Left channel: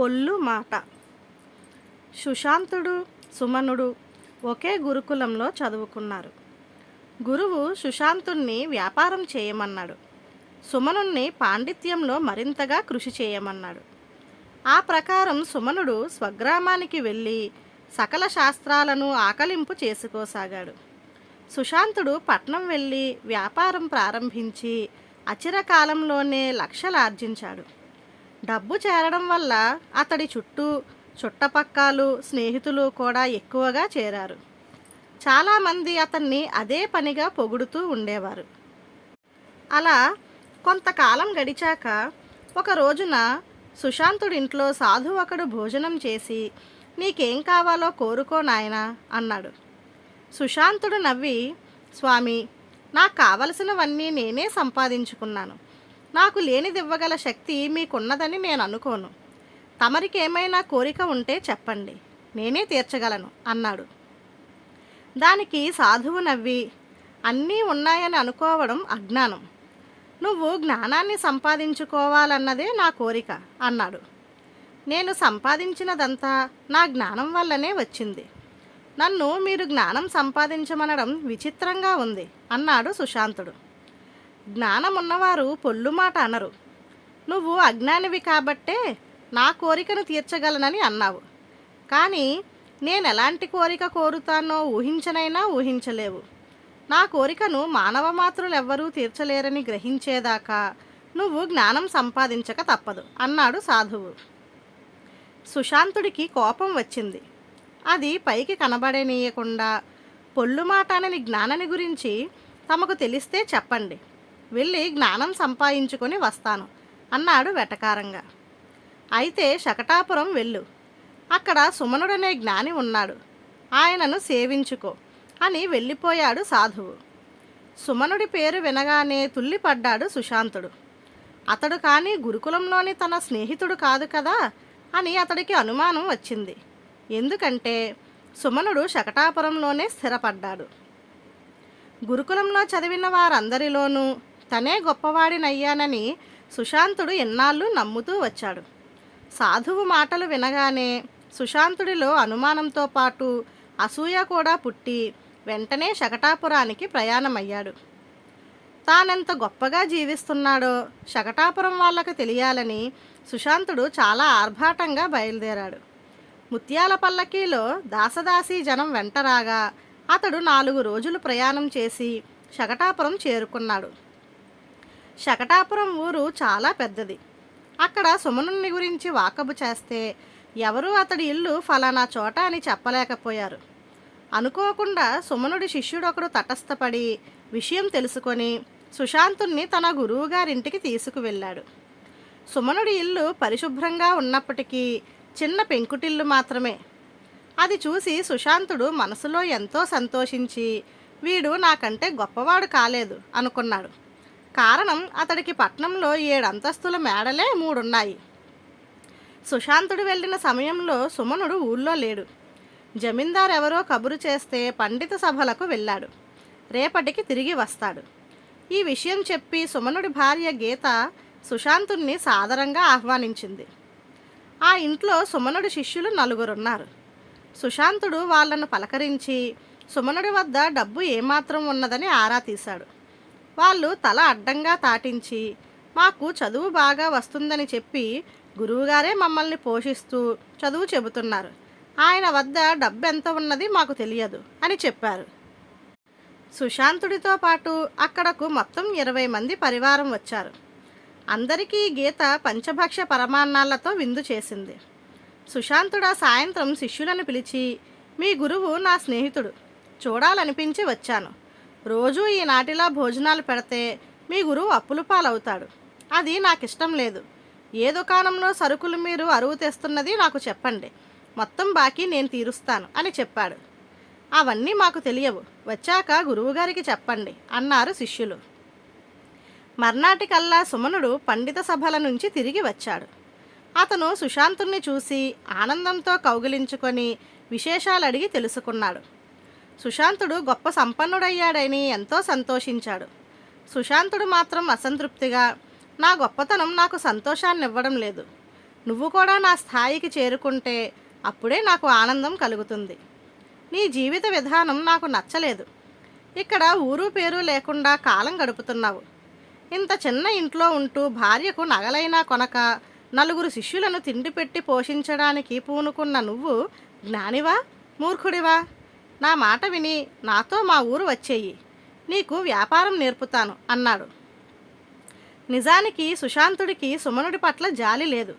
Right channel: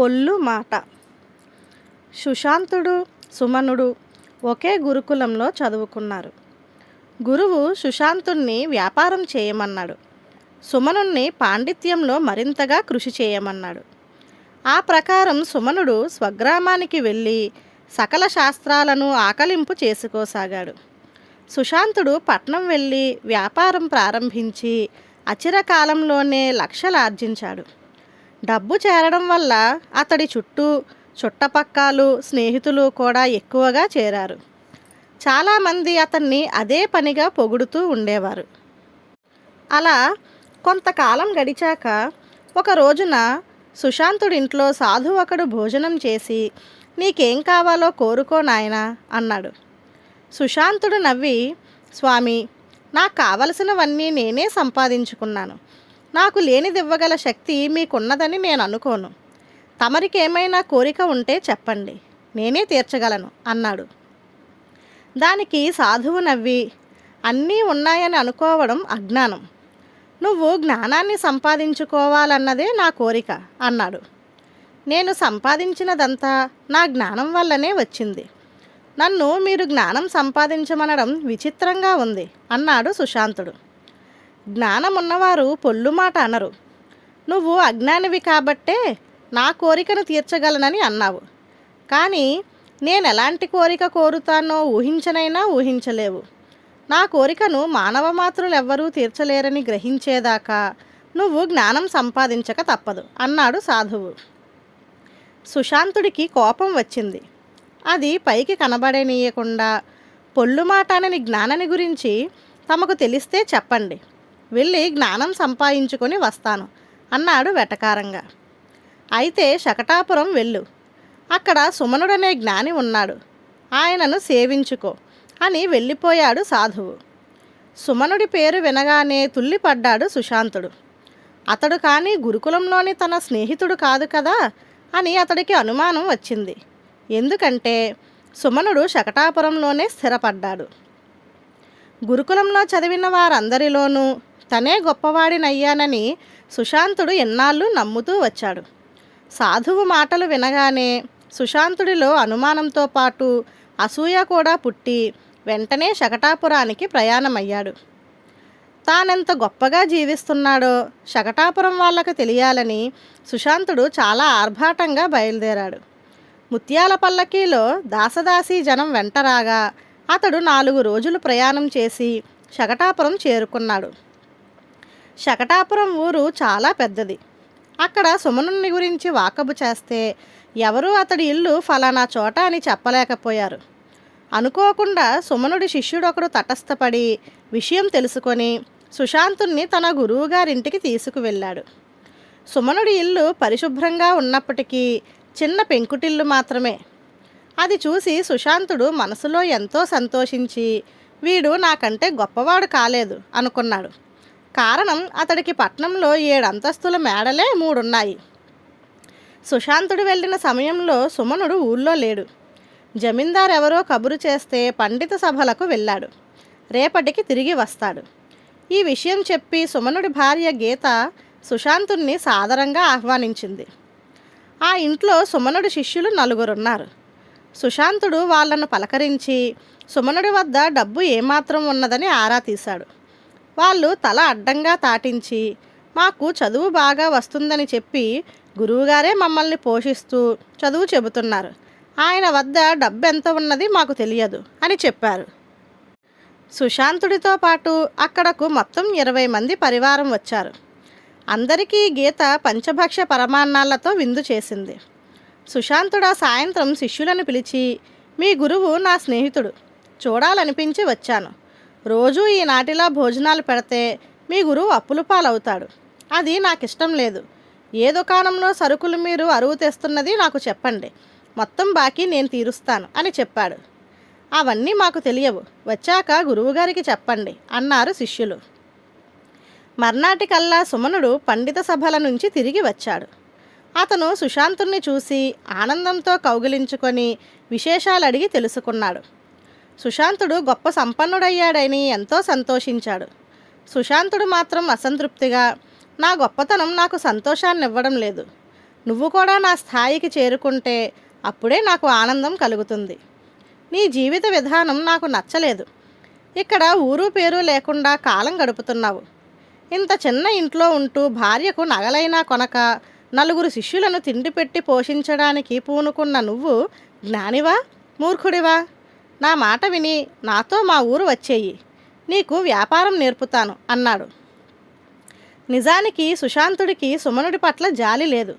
పొల్లు మాట సుశాంతుడు సుమనుడు ఒకే గురుకులంలో చదువుకున్నారు. గురువు సుశాంతుణ్ణి వ్యాపారం చేయమన్నాడు. సుమనుణ్ణి పాండిత్యంలో మరింతగా కృషి చేయమన్నాడు. ఆ ప్రకారం సుమనుడు స్వగ్రామానికి వెళ్ళి సకల శాస్త్రాలను ఆకలింపు చేసుకోసాగాడు. సుశాంతుడు పట్నం వెళ్ళి వ్యాపారం ప్రారంభించి అచిరకాలంలోనే లక్షలు ఆర్జించాడు డబ్బు చేరడం వల్ల అతడి చుట్టూ చుట్టపక్కాలు స్నేహితులు కూడా ఎక్కువగా చేరారు. చాలామంది అతన్ని అదే పనిగా పొగుడుతూ ఉండేవారు. అలా కొంతకాలం గడిచాక ఒక రోజున సుశాంతుడింట్లో సాధు ఒకడు భోజనం చేసి నీకేం కావాలో కోరుకో నాయనా అన్నాడు. సుశాంతుడు నవ్వి స్వామి నాకు కావలసినవన్నీ నేనే సంపాదించుకున్నాను. నాకు లేనిదివ్వగల శక్తి మీకున్నదని నేను అనుకోను. తమరికి ఏమైనా కోరిక ఉంటే చెప్పండి. నేనే తీర్చగలను అన్నాడు. దానికి సాధువు నవ్వి అన్నీ ఉన్నాయని అనుకోవడం అజ్ఞానం. నువ్వు జ్ఞానాన్ని సంపాదించుకోవాలన్నదే నా కోరిక అన్నాడు. నేను సంపాదించినదంతా నా జ్ఞానం వల్లనే వచ్చింది. నన్ను మీరు జ్ఞానం సంపాదించమనడం విచిత్రంగా ఉంది అన్నాడు సుశాంతుడు. జ్ఞానం ఉన్నవారు పొల్లు మాట అనరు. నువ్వు అజ్ఞానివి కాబట్టే నా కోరికను తీర్చగలనని అన్నావు. కానీ నేను ఎలాంటి కోరిక కోరుతానో ఊహించనైనా ఊహించలేవు. నా కోరికను మానవ మాతృలెవ్వరూ తీర్చలేరని గ్రహించేదాకా నువ్వు జ్ఞానం సంపాదించక తప్పదు అన్నాడు సాధువు. సుశాంతుడికి కోపం వచ్చింది. అది పైకి కనబడనీయకుండా పొల్లు మాట అనని జ్ఞానని గురించి తమకు తెలిస్తే చెప్పండి. వెళ్ళి జ్ఞానం సంపాదించుకొని వస్తాను అన్నాడు వెటకారంగా. అయితే శకటాపురం వెళ్ళు అక్కడ సుమనుడనే జ్ఞాని ఉన్నాడు ఆయనను సేవించుకో అని వెళ్ళిపోయాడు సాధువు. సుమనుడి పేరు వినగానే తుల్లిపడ్డాడు సుశాంతుడు. అతడు కానీ గురుకులంలోని తన స్నేహితుడు కాదు కదా అని అతడికి అనుమానం వచ్చింది. ఎందుకంటే సుమనుడు శకటాపురంలోనే స్థిరపడ్డాడు. గురుకులంలో చదివిన వారందరిలోనూ తనే గొప్పవాడినయ్యానని సుశాంతుడు ఎన్నాళ్ళు నమ్ముతూ వచ్చాడు. సాధువు మాటలు వినగానే సుశాంతుడిలో అనుమానంతో పాటు అసూయ కూడా పుట్టి వెంటనే శకటాపురానికి ప్రయాణమయ్యాడు. తానెంత గొప్పగా జీవిస్తున్నాడో శకటాపురం వాళ్ళకు తెలియాలని సుశాంతుడు చాలా ఆర్భాటంగా బయలుదేరాడు. ముత్యాల పల్లకీలో దాసదాసీ జనం వెంటరాగా అతడు నాలుగు రోజులు ప్రయాణం చేసి శకటాపురం చేరుకున్నాడు. శకటాపురం ఊరు చాలా పెద్దది. అక్కడ సుమనుని గురించి వాకబు చేస్తే ఎవరూ అతడి ఇల్లు ఫలానా చోట అని చెప్పలేకపోయారు. అనుకోకుండా సుమనుడి శిష్యుడొకడు తటస్థపడి విషయం తెలుసుకొని సుశాంతుణ్ణి తన గురువుగారింటికి తీసుకువెళ్ళాడు. సుమనుడి ఇల్లు పరిశుభ్రంగా ఉన్నప్పటికీ చిన్న పెంకుటిల్లు మాత్రమే. అది చూసి సుశాంతుడు మనసులో ఎంతో సంతోషించి వీడు నాకంటే గొప్పవాడు కాలేదు అనుకున్నాడు. కారణం అతడికి పట్నంలో ఏడంతస్తుల మేడలే మూడున్నాయి. సుశాంతుడు వెళ్ళిన సమయంలో సుమనుడు ఊళ్ళో లేడు. జమీందార్ ఎవరో కబురు చేస్తే పండిత సభలకు వెళ్ళాడు. రేపటికి తిరిగి వస్తాడు. ఈ విషయం చెప్పి సుమనుడి భార్య గీత సుశాంతుణ్ణి సాదరంగా ఆహ్వానించింది. ఆ ఇంట్లో సుమనుడి శిష్యులు నలుగురున్నారు. సుశాంతుడు వాళ్ళను పలకరించి సుమనుడి వద్ద డబ్బు ఏమాత్రం ఉన్నదని ఆరా తీశాడు. వాళ్ళు తల అడ్డంగా తాటించి మాకు చదువు బాగా వస్తుందని చెప్పి గురువుగారే మమ్మల్ని పోషిస్తూ చదువు చెబుతున్నారు. ఆయన వద్ద డబ్బు ఎంత ఉన్నది మాకు తెలియదు అని చెప్పారు. సుశాంతుడితో పాటు అక్కడకు మొత్తం ఇరవై మంది పరివారం వచ్చారు. అందరికీ గీత పంచభక్ష పరమాన్నాలతో విందు చేసింది. సుశాంతుడు సాయంత్రం శిష్యులను పిలిచి మీ గురువు నా స్నేహితుడు. చూడాలనిపించి వచ్చాను. రోజూ ఈ నాటిలా భోజనాలు పెడితే మీ గురువు అప్పుల పాలవుతాడు. అది నాకు ఇష్టం లేదు. ఏ దుకాణంలో సరుకులు మీరు అరువు తెస్తున్నది నాకు చెప్పండి. మొత్తం బాకీ నేను తీరుస్తాను అని చెప్పాడు. అవన్నీ మాకు తెలియవు. వచ్చాక గురువుగారికి చెప్పండి అన్నారు శిష్యులు. మర్నాటికల్లా సుమనుడు పండిత సభల నుంచి తిరిగి వచ్చాడు. అతను సుశాంతుణ్ణి చూసి ఆనందంతో కౌగిలించుకొని విశేషాలు అడిగి తెలుసుకున్నాడు. సుశాంతుడు గొప్ప సంపన్నుడయ్యాడని ఎంతో సంతోషించాడు. సుశాంతుడు మాత్రం అసంతృప్తిగా నా గొప్పతనం నాకు సంతోషాన్ని ఇవ్వడం లేదు. నువ్వు కూడా నా స్థాయికి చేరుకుంటే అప్పుడే నాకు ఆనందం కలుగుతుంది. నీ జీవిత విధానం నాకు నచ్చలేదు. ఇక్కడ ఊరు పేరు లేకుండా కాలం గడుపుతున్నావు. ఇంత చిన్న ఇంట్లో ఉంటూ భార్యకు నగలైనా కొనక నలుగురు శిష్యులను తిండి పెట్టి పోషించడానికి పూనుకున్న నువ్వు జ్ఞానివా? మూర్ఖుడివా? నా మాట విని నాతో మా ఊరు వచ్చేయి. నీకు వ్యాపారం నేర్పుతాను అన్నాడు. నిజానికి సుశాంతుడికి సుమనుడి పట్ల జాలి లేదు.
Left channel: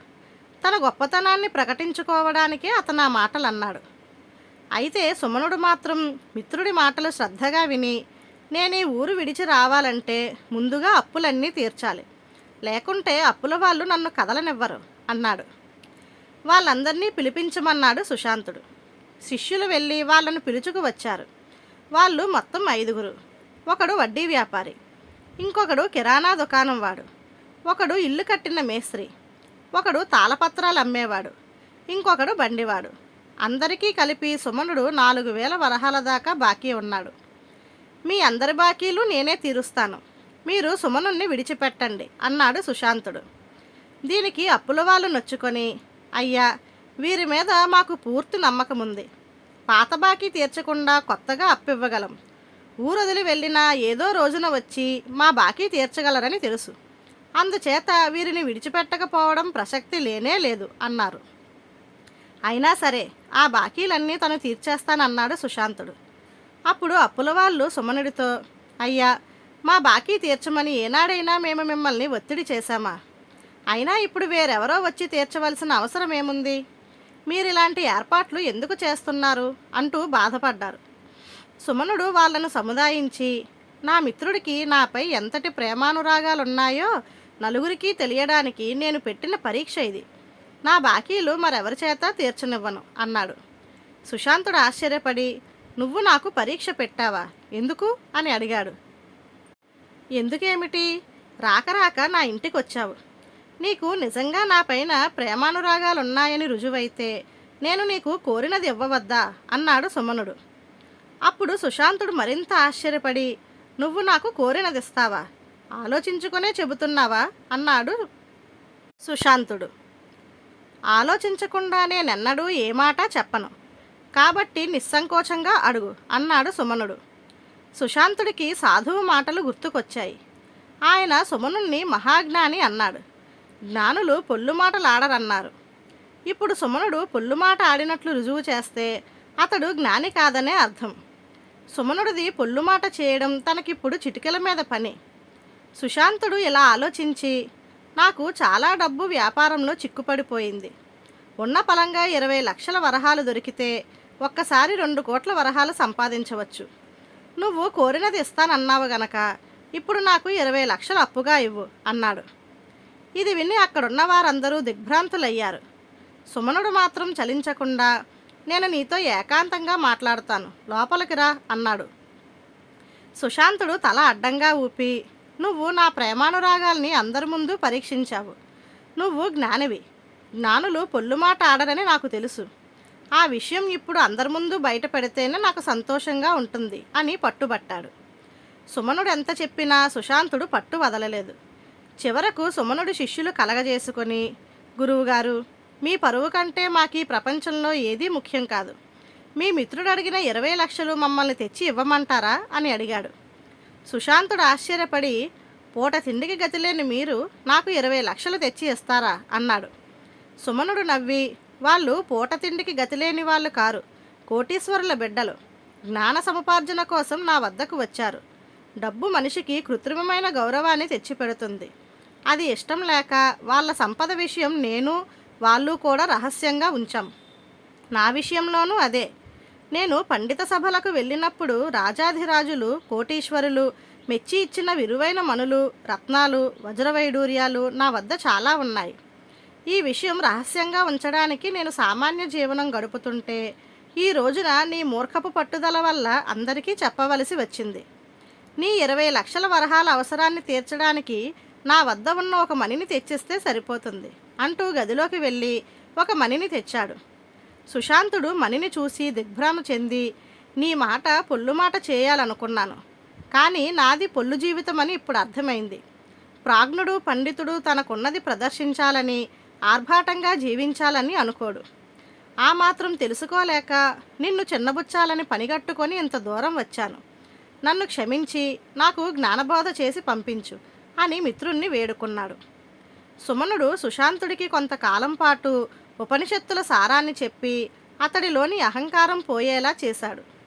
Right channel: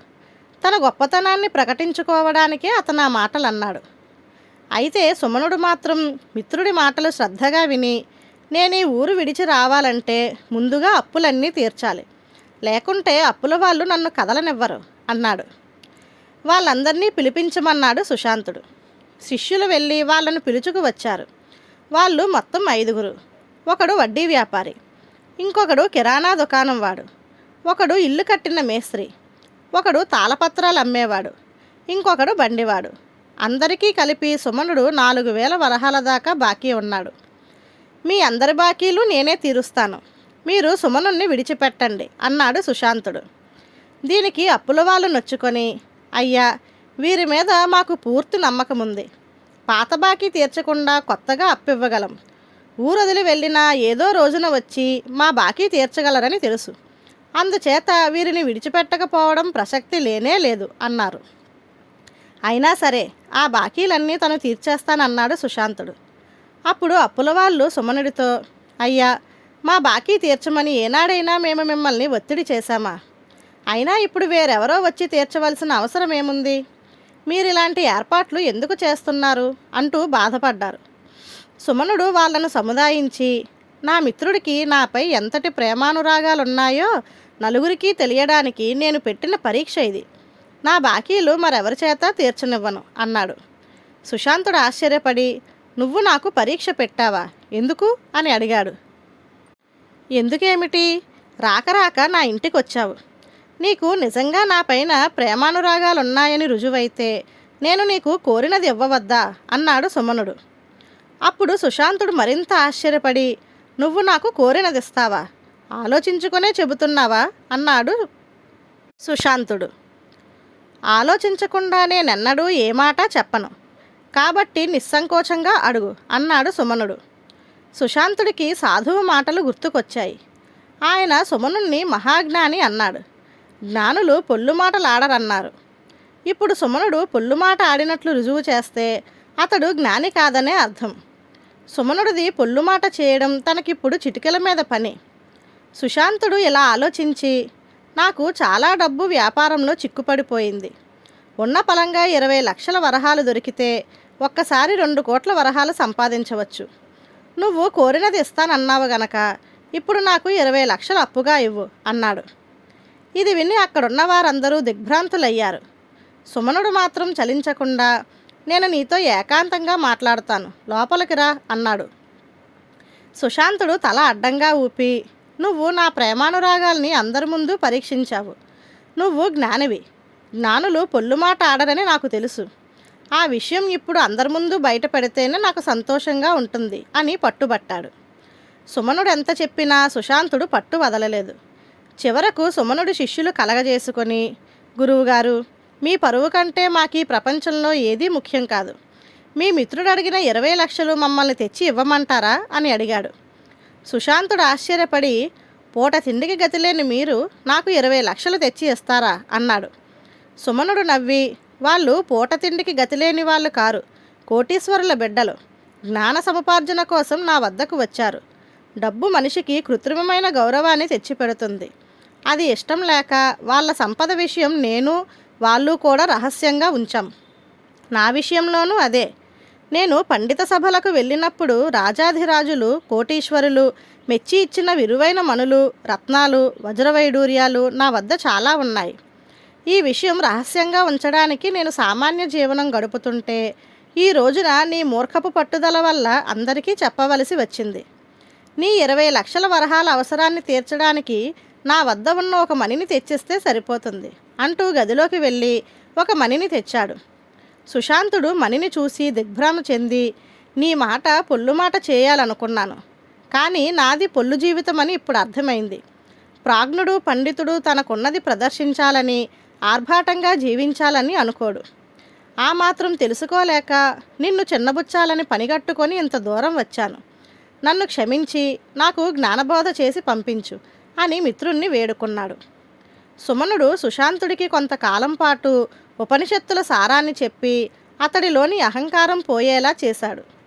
తన గొప్పతనాన్ని ప్రకటించుకోవడానికే అతను ఆ మాటలు అన్నాడు అయితే సుమనుడు మాత్రం మిత్రుడి మాటలు శ్రద్ధగా విని నేను ఈ ఊరు విడిచి రావాలంటే ముందుగా అప్పులన్నీ తీర్చాలి. లేకుంటే అప్పుల వాళ్ళు నన్ను కదలనివ్వరు అన్నాడు. వాళ్ళందరినీ పిలిపించమన్నాడు సుశాంతుడు. శిష్యులు వెళ్ళి వాళ్ళను పిలుచుకు వచ్చారు. వాళ్ళు మొత్తం ఐదుగురు. ఒకడు వడ్డీ వ్యాపారి. ఇంకొకడు కిరాణా దుకాణం వాడు. ఒకడు ఇల్లు కట్టిన మేస్త్రి. ఒకడు తాళపత్రాలు అమ్మేవాడు. ఇంకొకడు బండివాడు. అందరికీ కలిపి సుమనుడు నాలుగు వేల వరహాల దాకా బాకీ ఉన్నాడు. మీ అందరి బాకీలు నేనే తీరుస్తాను. మీరు సుమనుణ్ణి విడిచిపెట్టండి అన్నాడు సుశాంతుడు. దీనికి అప్పుల వాళ్ళు నొచ్చుకొని అయ్యా వీరి మీద మాకు పూర్తి నమ్మకం ఉంది పాత బాకీ తీర్చకుండా కొత్తగా అప్పివ్వగలం. ఊరొదిలి వెళ్ళినా ఏదో రోజున వచ్చి మా బాకీ తీర్చగలరని తెలుసు. అందుచేత వీరిని విడిచిపెట్టకపోవడం ప్రసక్తి లేనే లేదు అన్నారు. అయినా సరే ఆ బాకీలన్నీ తను తీర్చేస్తానన్నాడు సుశాంతుడు. అప్పుడు అప్పుల వాళ్ళు సుమనుడితో అయ్యా మా బాకీ తీర్చమని ఏనాడైనా మేము మిమ్మల్ని ఒత్తిడి చేశామా? అయినా ఇప్పుడు వేరెవరో వచ్చి తీర్చవలసిన అవసరం ఏముంది మీరు ఇలాంటి ఏర్పాట్లు ఎందుకు చేస్తున్నారు? అంటూ బాధపడ్డారు. సుమనుడు వాళ్ళను సముదాయించి నా మిత్రుడికి నాపై ఎంతటి ప్రేమానురాగాలున్నాయో నలుగురికి తెలియడానికి నేను పెట్టిన పరీక్ష ఇది. నా బాకీలు మరెవరి చేత తీర్చనివ్వను? అన్నాడు. సుశాంతుడు ఆశ్చర్యపడి నువ్వు నాకు పరీక్ష పెట్టావా? ఎందుకు? అని అడిగాడు. ఎందుకేమిటి? రాక రాక నా ఇంటికి వచ్చావు నీకు నిజంగా నా పైన ప్రేమానురాగాలున్నాయని రుజువైతే నేను నీకు కోరినది ఇవ్వవద్దా? అన్నాడు సుమనుడు. అప్పుడు సుశాంతుడు మరింత ఆశ్చర్యపడి నువ్వు నాకు కోరినది ఇస్తావా ఆలోచించుకునే చెబుతున్నావా? అన్నాడు సుశాంతుడు. ఆలోచించకుండా నేనెన్నడూ ఏ మాట చెప్పను. కాబట్టి నిస్సంకోచంగా అడుగు అన్నాడు సుమనుడు. సుశాంతుడికి సాధువు మాటలు గుర్తుకొచ్చాయి. ఆయన సుమనుణ్ణి మహాజ్ఞాని అన్నాడు. జ్ఞానులు పొల్లు మాటలు ఆడరన్నారు. ఇప్పుడు సుమనుడు పొల్లు మాట ఆడినట్లు రుజువు చేస్తే అతడు జ్ఞాని కాదనే అర్థం. సుమనుడిది పొల్లు మాట చేయడం తనకిప్పుడు చిటికల మీద పని. సుశాంతుడు ఇలా ఆలోచించి నాకు చాలా డబ్బు వ్యాపారంలో చిక్కుపడిపోయింది. ఉన్న పలంగా ఇరవై లక్షల వరహాలు దొరికితే ఒక్కసారి రెండు కోట్ల వరహాలు సంపాదించవచ్చు. నువ్వు కోరినది ఇస్తానన్నావు గనక ఇప్పుడు నాకు ఇరవై లక్షలు అప్పుగా ఇవ్వు అన్నాడు. ఇది విని అక్కడున్న వారందరూ దిగ్భ్రాంతులయ్యారు. సుమనుడు మాత్రం చలించకుండా నేను నీతో ఏకాంతంగా మాట్లాడతాను లోపలికి రా అన్నాడు. సుశాంతుడు తల అడ్డంగా ఊపి నువ్వు నా ప్రేమానురాగాల్ని అందరి ముందు పరీక్షించావు. నువ్వు జ్ఞానివి. జ్ఞానులు పొల్లు మాట ఆడరని నాకు తెలుసు. ఆ విషయం ఇప్పుడు అందరి ముందు బయట పెడితేనే నాకు సంతోషంగా ఉంటుంది అని పట్టుబట్టాడు. సుమనుడు ఎంత చెప్పినా సుశాంతుడు పట్టు వదలలేదు. చివరకు సుమనుడు శిష్యులు కలగజేసుకొని గురువుగారు మీ పరువు కంటే మాకు ఈ ప్రపంచంలో ఏదీ ముఖ్యం కాదు. మీ మిత్రుడు అడిగిన ఇరవై లక్షలు మమ్మల్ని తెచ్చి ఇవ్వమంటారా? అని అడిగాడు. సుశాంతుడు ఆశ్చర్యపడి పూట తిండికి గతిలేని మీరు నాకు ఇరవై లక్షలు తెచ్చి ఇస్తారా? అన్నాడు. సుమనుడు నవ్వి వాళ్ళు పూట తిండికి గతిలేని వాళ్ళు కారు. కోటీశ్వరుల బిడ్డలు. జ్ఞాన సముపార్జన కోసం నా వద్దకు వచ్చారు. డబ్బు మనిషికి కృత్రిమమైన గౌరవాన్ని తెచ్చిపెడుతుంది. అది ఇష్టం లేక వాళ్ళ సంపద విషయం నేను వాళ్ళు కూడా రహస్యంగా ఉంచాం. నా విషయంలోనూ అదే. నేను పండిత సభలకు వెళ్ళినప్పుడు రాజాధిరాజులు కోటీశ్వరులు మెచ్చి ఇచ్చిన విలువైన మనులు రత్నాలు వజ్రవైడూర్యాలు నా వద్ద చాలా ఉన్నాయి. ఈ విషయం రహస్యంగా ఉంచడానికి నేను సామాన్య జీవనం గడుపుతుంటే ఈ రోజున నీ మూర్ఖపు పట్టుదల వల్ల అందరికీ చెప్పవలసి వచ్చింది. నీ ఇరవై లక్షల వరహాల అవసరాన్ని తీర్చడానికి నా వద్ద ఉన్న ఒక మణిని తెచ్చిస్తే సరిపోతుంది అంటూ గదిలోకి వెళ్ళి ఒక మణిని తెచ్చాడు. సుశాంతుడు మణిని చూసి దిగ్భ్రమ చెంది నీ మాట పొల్లు మాట చేయాలనుకున్నాను కానీ నాది పొల్లు జీవితం అని ఇప్పుడు అర్థమైంది. ప్రాజ్ఞుడు పండితుడు తనకున్నది ప్రదర్శించాలని ఆర్భాటంగా జీవించాలని అనుకోడు. ఆ మాత్రం తెలుసుకోలేక నిన్ను చిన్నబుచ్చాలని పనిగట్టుకొని ఇంత దూరం వచ్చాను. నన్ను క్షమించి నాకు జ్ఞానబోధ చేసి పంపించు. అని మిత్రుణ్ణి వేడుకున్నాడు. సుమనుడు సుశాంతుడికి కొంతకాలం పాటు ఉపనిషత్తుల సారాన్ని చెప్పి అతడిలోని అహంకారం పోయేలా చేశాడు.